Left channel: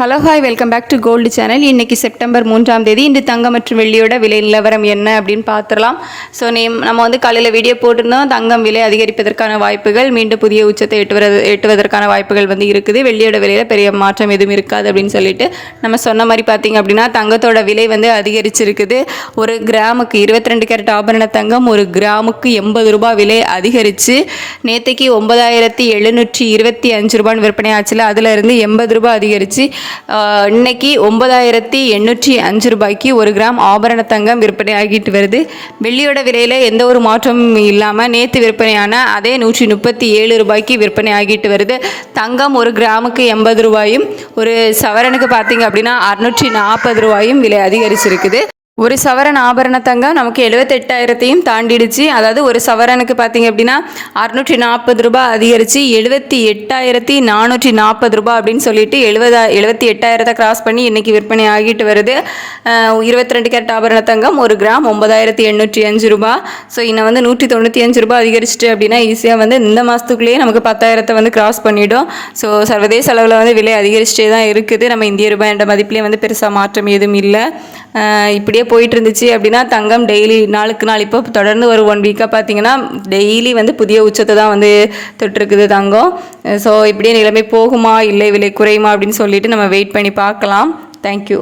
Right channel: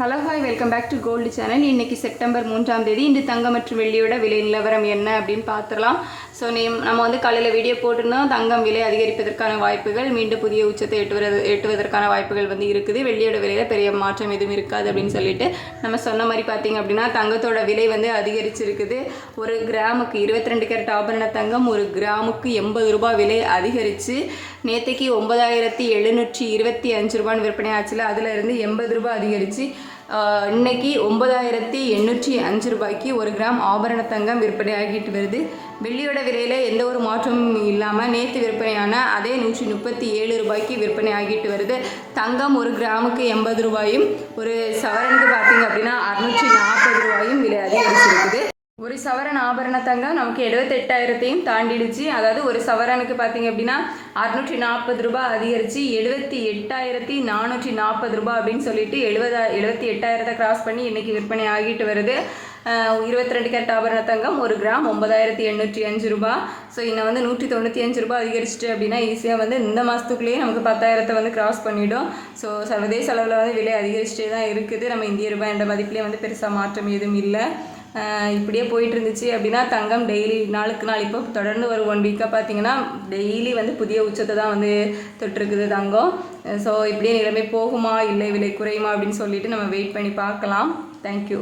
Hello hi welcome back to gold channel. இன்றைக்கி September 3ஆம் தேதி. இன்று தங்கம் மற்றும் வெள்ளியோட விலை நிலவரம் என்ன அப்படின்னு பார்த்துடலாம். ஸோ நம்ம வந்து காலையில் வீடியோ போட்டிருந்தோம். தங்கம் விலை அதிகரிப்பதற்கான வாய்ப்புகள், மீண்டும் புதிய உச்சத்தை எட்டுவதற்கான வாய்ப்புகள் வந்து இருக்குது. வெள்ளியோட விலையில் பெரிய மாற்றம் எதுவும் இருக்காது அப்படின்னு சொல்லிட்டு நம்ம சொன்ன மாதிரி பார்த்திங்க அப்படின்னா தங்கத்தோட விலை வந்து அதிகரிச்சிருக்குது. ஒரு கிராமுக்கு 22 கேரட் ஆபரண தங்கம் ஒரு கிராமுக்கு 80 ரூபாய் விலை அதிகரித்து நேற்றுக்கு 9725 ரூபான்னு விற்பனை ஆச்சுல, அதில் இருந்து 80 ரூபாய் அதிகரித்து இன்னைக்கு 9805 ரூபாய்க்கு ஒரு கிராம் ஆபரண தங்கம் விற்பனை ஆகிட்டு வருது. வெள்ளியோட விலையில் எந்த ஒரு மாற்றமும் இல்லாமல் நேற்று விற்பனையான அதே 137 ரூபாய்க்கு விற்பனை ஆகிட்டு வருது. தங்கம் ஒரு கிராமுக்கு 80 ரூபாயும் ஒரு சவரனுக்கு பார்த்தீங்க அப்படின்னா 640 ரூபாயும் விலை அதிகரிச்சிருக்குது. ஒரு சவரன் ஆபரண தங்கம் நமக்கு 78,000 தாண்டிடுச்சு. அதாவது ஒரு சவரனுக்கு பார்த்திங்க அப்படின்னா 640 ரூபாய் அதிகரித்து 78,440 ரூபாய் அப்படின்னு சொல்லிட்டு 78,000 கிராஸ் பண்ணி இன்றைக்கி விற்பனை ஆகிட்டு வருது. 22 கேரட் ஆபரண தங்கம் ஒரு கிராம் 9,805 ரூபாய். ஸோ இன்னும் வந்து 195 ரூபாய் அதிகரிச்சிட்டு அப்படின்னா ஈஸியாக வந்து இந்த மாதத்துக்குள்ளேயே நமக்கு 10,000 வந்து கிராஸ் பண்ணிவிடும். ஸோ சர்வதேச அளவில் வந்து விலை அதிகரிச்சிட்டே தான் இருக்குது. நம்ம இந்திய ரூபாய் என்ற மதிப்புலேயே வந்து பெருசாக மாற்றம் எதுவும் இல்லை. இப்படியே போயிட்டு இருந்துச்சு அப்படின்னா தங்கம் டெய்லி நாளுக்கு நாள் இப்போ தொடர்ந்து ஒரு 1 வீக்காக பார்த்தீங்கன்னா டெய்லி வந்து புதிய உச்சத்தை தான் வந்து தொட்டிருக்குது தங்கம். ஸோ இப்படியே நிலைமை போகுமா இல்லை விலை குறையுமா அப்படின்னு சொல்லிட்டு நம்ம வெயிட் பண்ணி பார்க்கலாம். தேங்க்யூ.